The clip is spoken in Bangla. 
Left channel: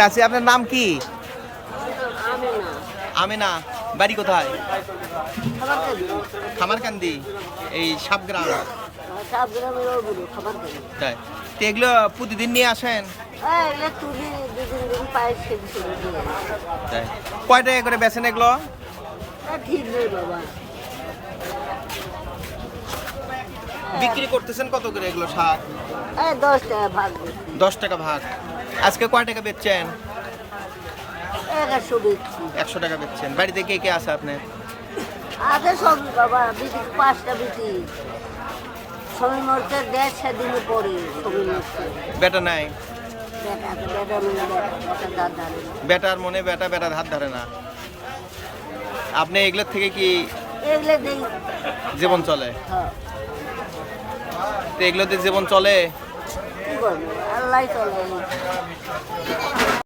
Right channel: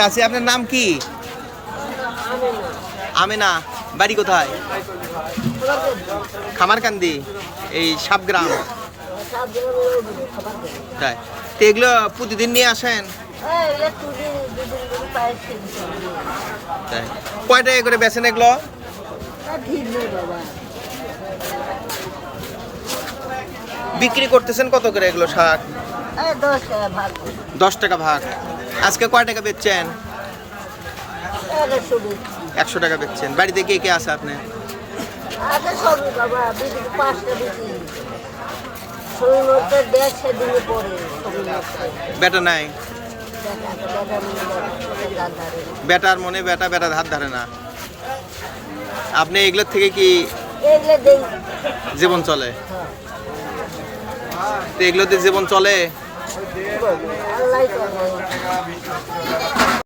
চাচি আপনার নাম কি? আমেনা। বাড়ি কোথায়? খামারকান্দি, এই সাবগ্রাম। তাই তো এগুলো প্রতিদিন নিয়ে আসেন? তাই কয় টাকা করে বেচেন এগুলো? বিক্রি করতেছেন কত করে এগুলো শাক? 10 টাকা ভাগ। আজকে কয় টাকা বেচছেন? 100 টাকা বেচছেন। বাড়িতে কে কে আছে আপনি? বেটা নাই? বেটার মনে বেটা বেটার হাত ধরে না। আপনি এগুলোর থেকে কি জীবন চলে? তো এগুলোতে জীবন চলে? আল্লাহ চলে।